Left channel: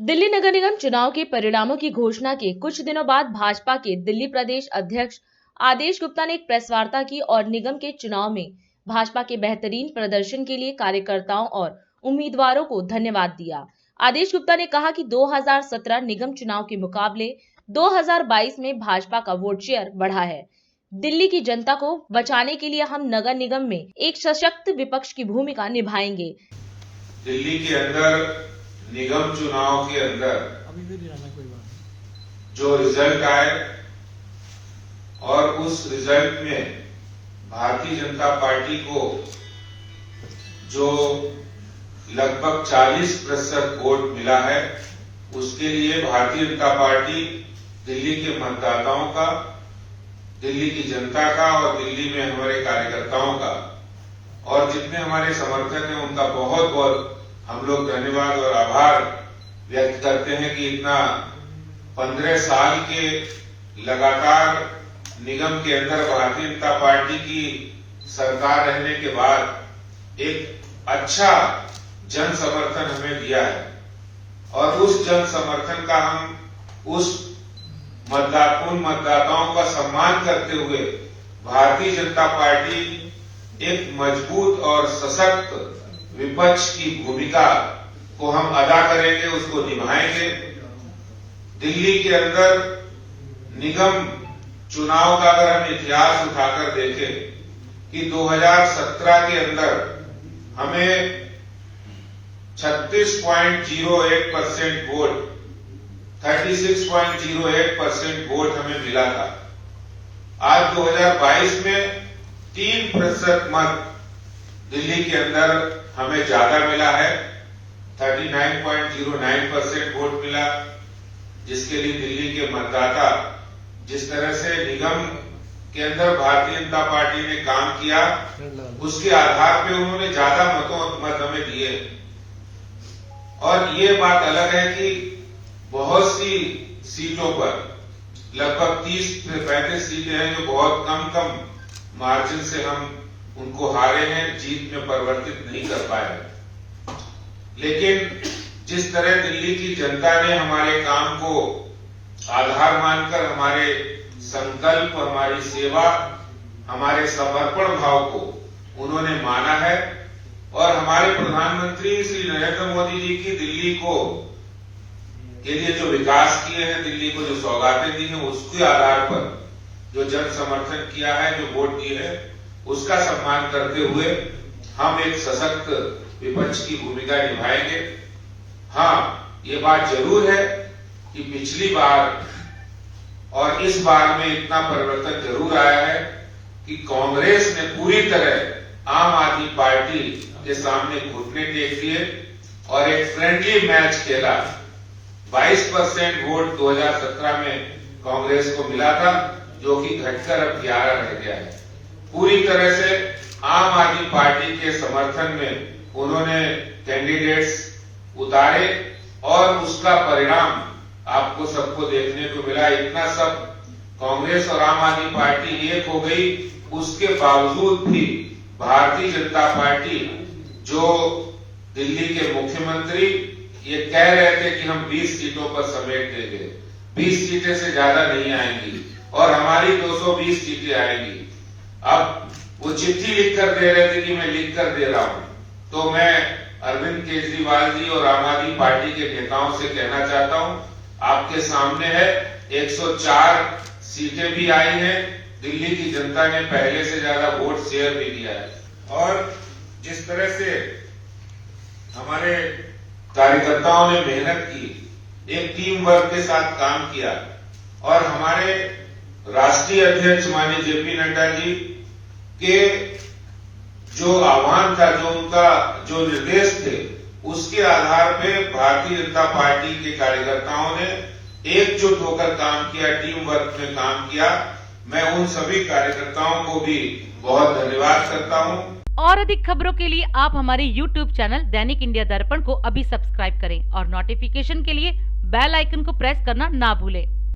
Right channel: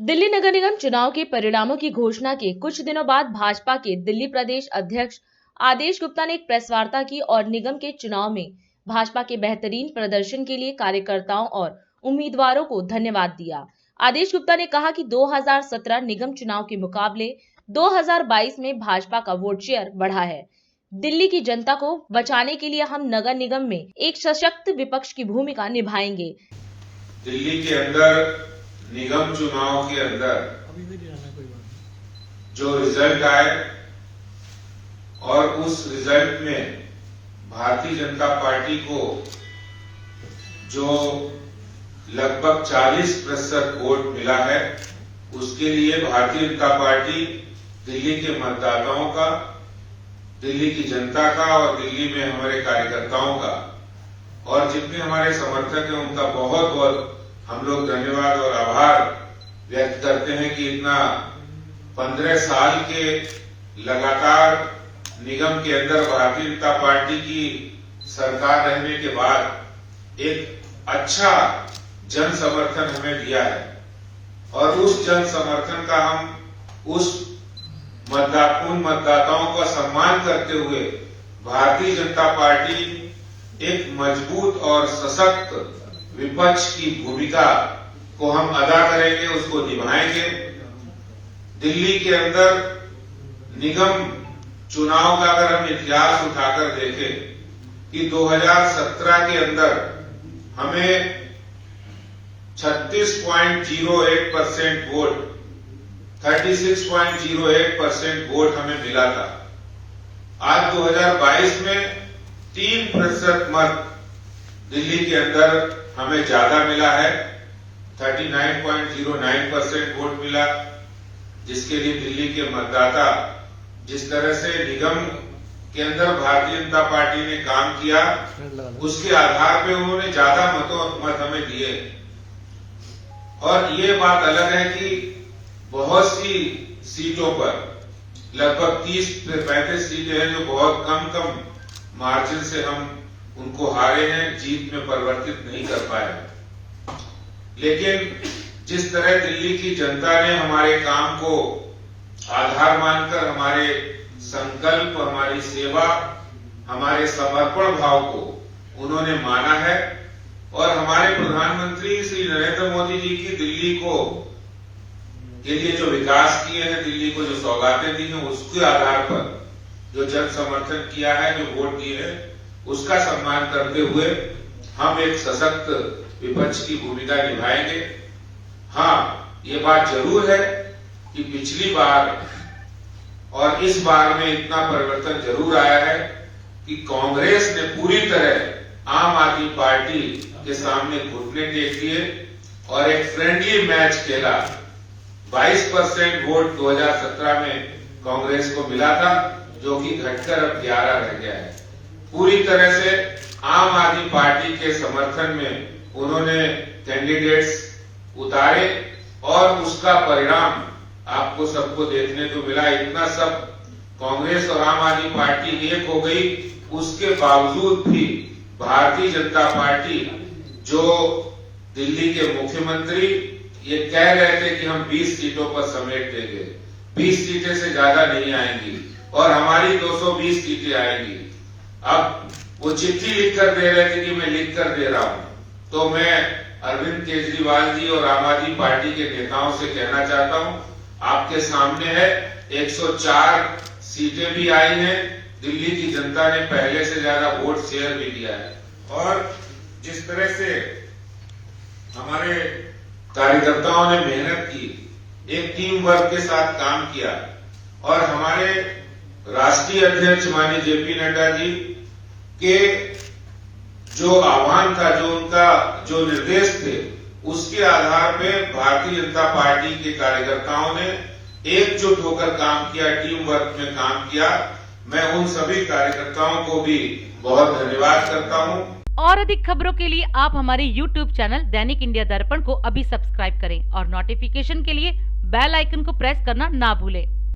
दिल्ली नगर निगम चुनाव के परिणामों की घोषणा के कुछ दिनों बाद भाजपा के दिल्ली प्रदेश अध्यक्ष आदेश गुप्ता ने एक प्रेस वार्ता की और निगम के चुनाव में भाजपा के बेहतरीन प्रदर्शन के लिए कार्यकर्ताओं और उम्मीदवारों को धन्यवाद दिया। आदेश गुप्ता ने कहा कि 2017 निगम चुनाव के मुकाबले 2022 में भाजपा का वोट शेयर बढ़ा है। दिल्ली की जनता को बचाने के लिए हम नगर निगम में एक सशक्त विपक्ष की भूमिका निभाएंगे। दिल्ली के अंदर निगम चुनाव के अंदर जो रिजल्ट आए और उस रिजल्ट में भारतीय जनता पार्टी को जो लगभग 40% वोट मिला है, उसके लिए भारतीय जनता पार्टी दिल्ली के मतदाताओं का, दिल्ली की जनता का और दिल्ली में हमारे कार्यकर्ताओं का और जितने हमारे समर्थक हैं उनका बहुत बहुत हम लोग धन्यवाद और आभार व्यक्त करते हैं कि इतना 15 साल के लगातार निगम के अंदर भारतीय जनता पार्टी की सरकार रहने के बाद एक अच्छा जन समर्थन हमें दिया है और उस जन समर्थन का हम उस मतदाताओं का सम्मान करते हुए भारतीय जनता पार्टी एक मजबूत और सशक्त विपक्ष की भूमिका को हम अदा करेंगे, उसको निभाएंगे। दिल्ली के अंदर निगम चुनाव का अगर हम इतिहास उठाकर देखें कि 2017 के अंदर हमें 36.08% वोट 36.08% वोट हमें मिला था। आज 2022 में 3% मत दिल्ली के अंदर हमें ज्यादा मिला है, 39.09% वोट मिला, जिसके लिए दिल्ली के मतदाता जिस तरह से निगम के अंदर भारतीय जनता पार्टी ने काम किया उसके आधार पे उन्होंने ज्यादा मत हमें दिए। और ये बात अलग है कि बहुत सी सीटों पर लगभग 30 से 35 सीटें हैं जो बहुत कम मार्जिन से हम उनको हारे हैं, जीत में परिवर्तित नहीं कर पाए। लेकिन जिस तरह दिल्ली की जनता ने हमारे काम को आधार मानकर हमारे संकल्प, हमारी सेवा, हमारे समर्पण भाव को उन्होंने माना है और हमारे प्रधानमंत्री श्री नरेंद्र मोदी जी की दिल्ली को के लिए जो विकास किए हैं, दिल्ली को जो सौगातें दी हैं, उसके आधार पर जो जन समर्थन किया है, जो वोट दिए हैं, उसका सम्मान करते हुए हम एक सशक्त विपक्ष की भूमिका निभाएंगे। हाँ, ये बात जरूर है कि पिछली बार और इस बार में इतना परिवर्तन जरूर आया है कि कांग्रेस ने पूरी तरह आम आदमी पार्टी के सामने घुटने टेक दिए और एक फ्रेंडली मैच खेला। 22% वोट 2017 में कांग्रेस को मिला था, जो कि घटकर अब 11 रह गया है। पूरी तरह से आम आदमी पार्टी के समर्थन में उन्होंने कैंडिडेट्स उतारे और उसका परिणाम आपको सबको देखने को मिला। इतना सब कांग्रेस और आम आदमी पार्टी एक हो गई, उसके बावजूद भी भारतीय जनता पार्टी जो दिल्ली के मुख्यमंत्री ये कह रहे थे कि हम 20 सीटों पर समेट देंगे, 20 सीटें से ज्यादा नहीं आएंगी और हमारी 220 सीटें आएंगी। अब वो चिट्ठी लिख कर दे रहे थे कि मैं लिख कर दे रहा हूं, तो मैं अरविंद केजरीवाल जी और आम आदमी पार्टी के नेताओं से कहना चाहता हूं, आपके सामने है 104 सीटें भी आई हैं, दिल्ली की जनता ने पहले से ज्यादा वोट शेयर भी दिया है। और जिस तरह से हमारे कार्यकर्ताओं ने मेहनत की, एक टीम वर्क के साथ काम किया और हमारे राष्ट्रीय अध्यक्ष माननीय जेपी नड्डा जी के जो आह्वान था, जो उनका जो निर्देश थे, उसके आधार पे भारतीय जनता पार्टी के कार्यकर्ताओं ने एकजुट होकर काम किया, टीम वर्क में काम किया। मैं उन सभी कार्यकर्ताओं को भी बहुत धन्यवाद करता हूं। और अधिक खबरों के लिए आप हमारे YouTube चैनल दैनिक इंडिया दर्पण को अभी सब्सक्राइब करें और नोटिफिकेशन के लिए बेल आइकन को प्रेस करना ना भूलें।